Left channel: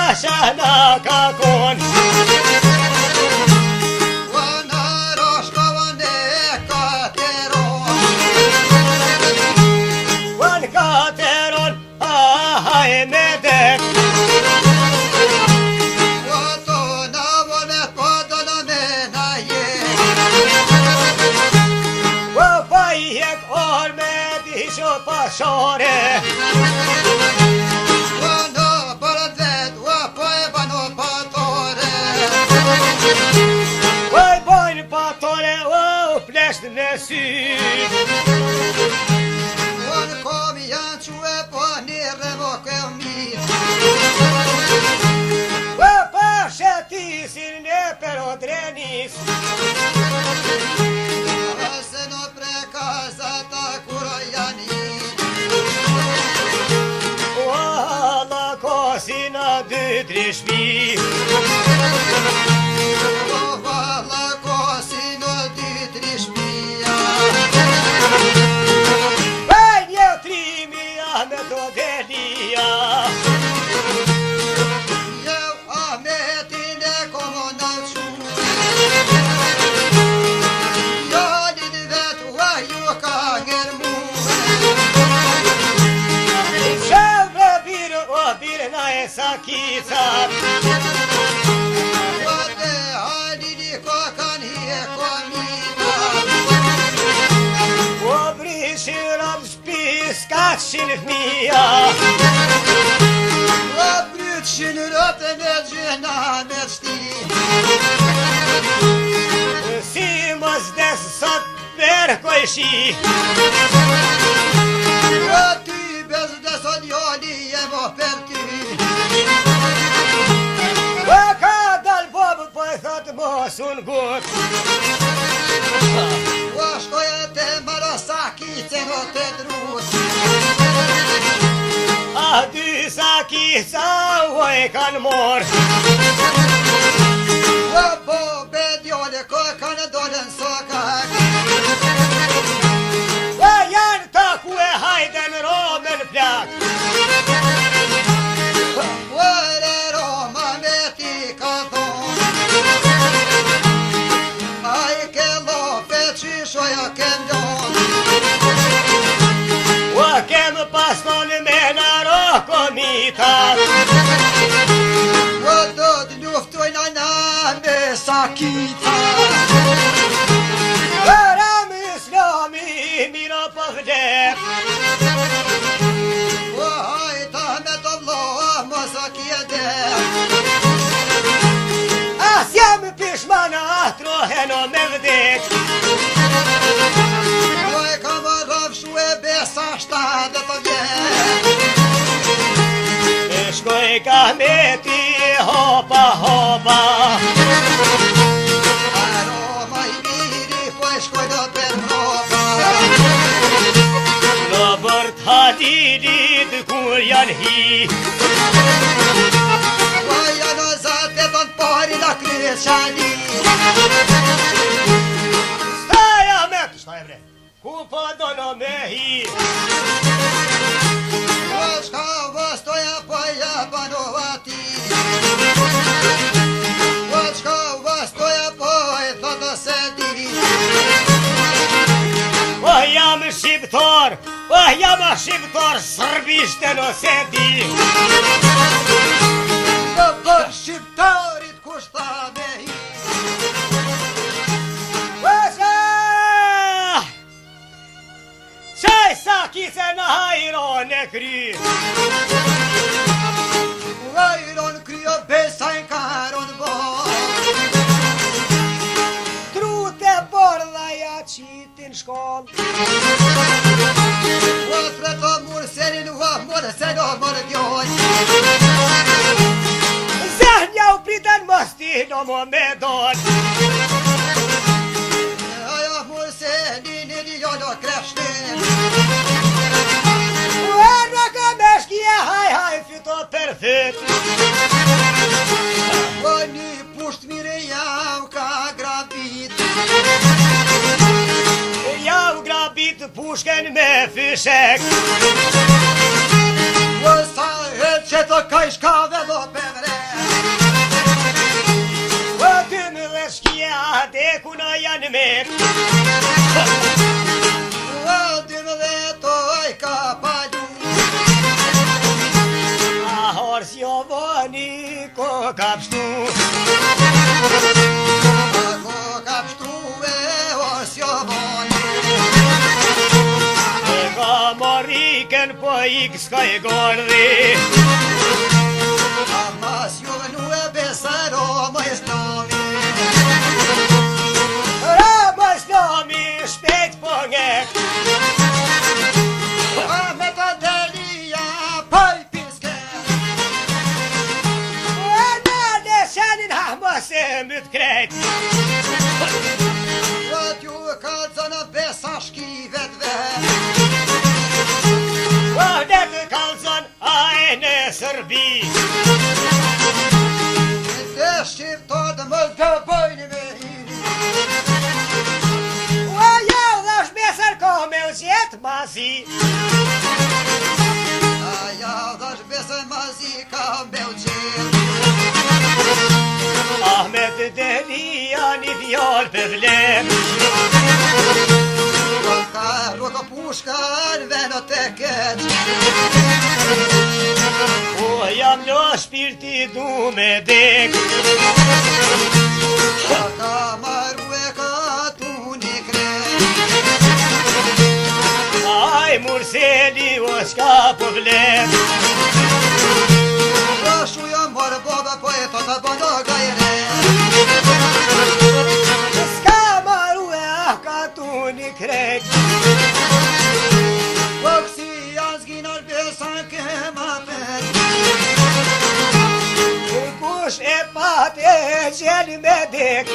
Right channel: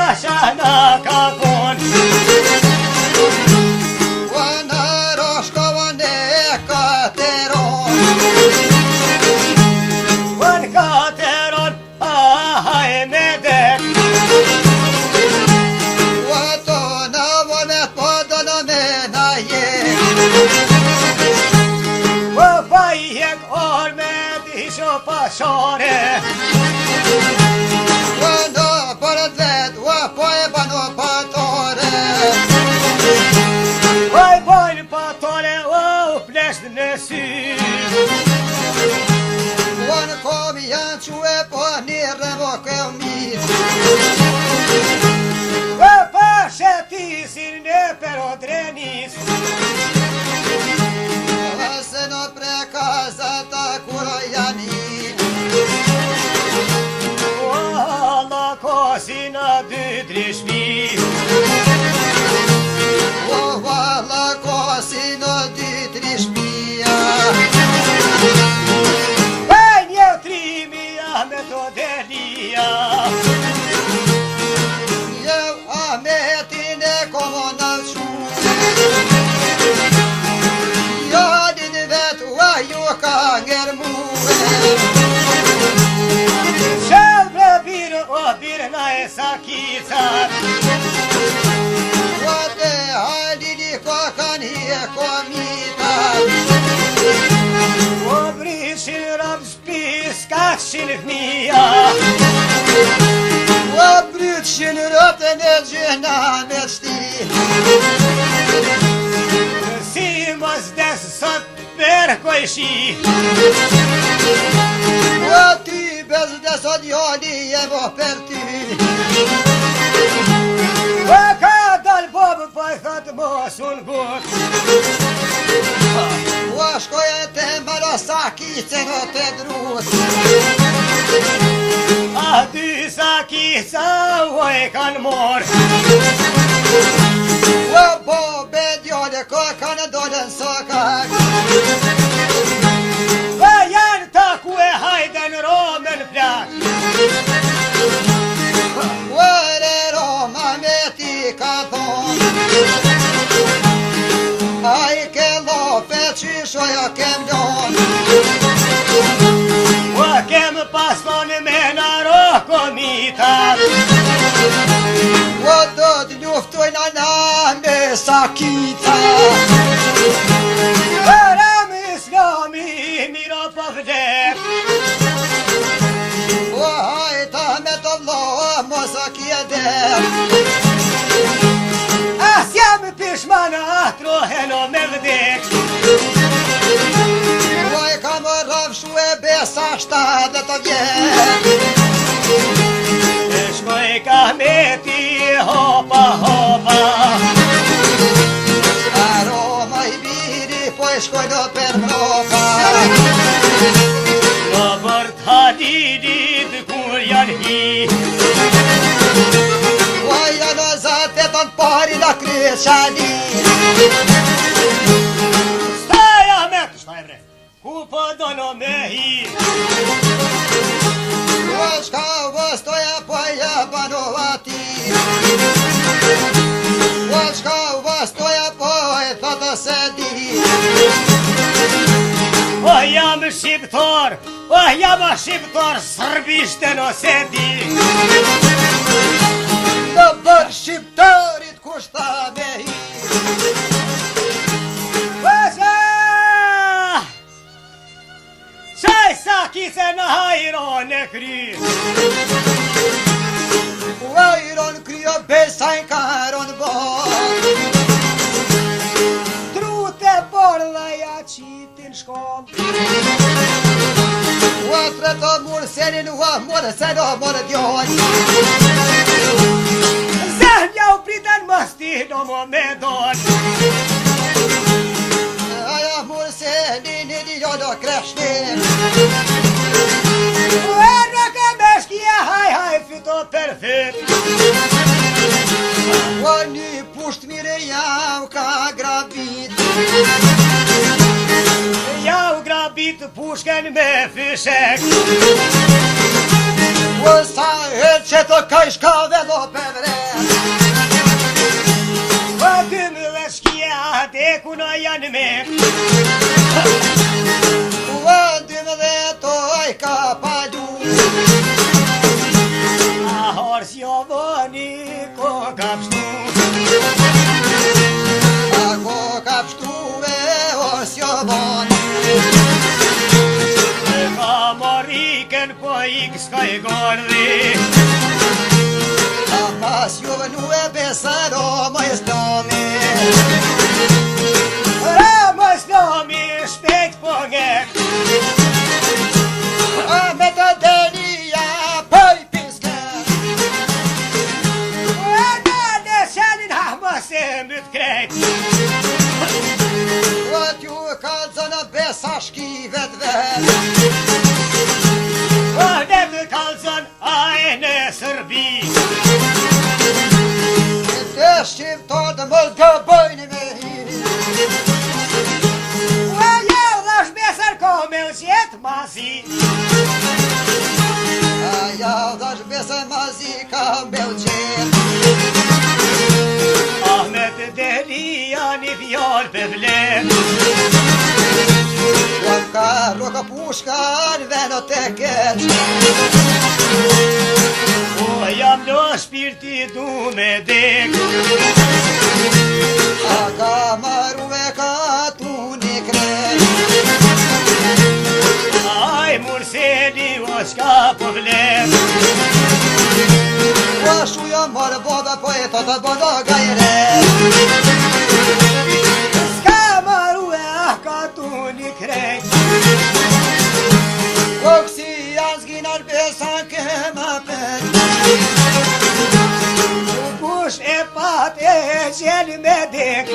pashana ka kon Në roshkovën e kateron Wan kateron ahaj me det Wato në vonet po do në mena jem Wa fajhek or me disho pashore Në përët vet, po e bano patore Vaj bojnë patore o plesht në sy Në kom janë quë po një remo këmit Vaj pashetisin në pero drenis Se në prekazata kuro janë Alla kosina dy trishmi Valla kosi në dy tri shpia Baj një trimia me do delia Eu ametin e komonat shumë Jo din vetë a ju ka ngërmu Shavre birë o birë na e sakicat Vate halili kokan hi e komita O brishin rab spis kashin fmija O brytshin rëpën e gjëna me shti Si mos des sot berkoj shi O ty bez deso djali e mo për ty O ka dal bobu po i thot mos unë gut O shkoje të mara sakice në të drut A dy sakica o e kan mor O bobe djole ko kanë dolen sokak O janë ta ku e hajden romen plak O re Roma me ti ka thon A i ke lope qyshoja kem lon O kem paston me naro komitat O do të luftojnë ana me sakita Ram islami mira po vdek O hajta me të vlo mos a kjede As jam pishman atrohen o me vdek O e kam rafshu e besa 70 vjet E shkoj ka me ti hopa hopa A Roma i biri po e shkoj do për Europa Në bërt hadidit kur janë hi O janë o zate të në pari la kryet shani Staja me të shtaj bre Ku po do në me hi O shka vëstoja po ja bano ati O shka vëstoja po e thoto se di O jam shqiptar Sërbisht e no se di Në për shqiptarit kushta me hi Pasha Qaj sakice në hajron e kry Vajron kryo besajn karon bo Trute borla ja qitin shkoll O tre të murë senin o mërë sen o mërë djoj Zëhnja u pritan mos ti do më me don Aja murë senin i djo do kreshtin Uerë ka me shkja haj fito për thyt O një pusht mire jau ka grabit Jau grabit pushken me fyshek O sa e që të kaj shkave do përre. O dëmë dhe shkia dhe kuna janë me. O dëmë dhe toj ka palu. A hors jo voni ko ka pështu. A ko ka pështu e os jo voni. Ka moriken po ik s'kaj gordhi. A mas jo vënu e besaro më islami. Më islami shpejt po nge. A me të delia poj piske. E dalë shanin ha mos e mbyt krejt. O t'ju kalzën besa shkivet vet. O dhe të kalzon a e në Sërbi. E të shqiptar të më gëbëjnë me hi. O jo dhash besër ko me u qetë mazi. A ja dhash bese mazi ka me u qenë. Ahmet Delia një fjallë për vlen. O ka roka pushka në veno të keq. O jam lo shpirti du me dek. A ka maru e ka tu një kreq. Aj murseli o shka po vlen. O shuja marë baba po e të bëndo gajre. S'ka maru e ah ka tu një krejt. O kësi janë zginar besan ke ma pet. U kush e pat e gjeli me dek.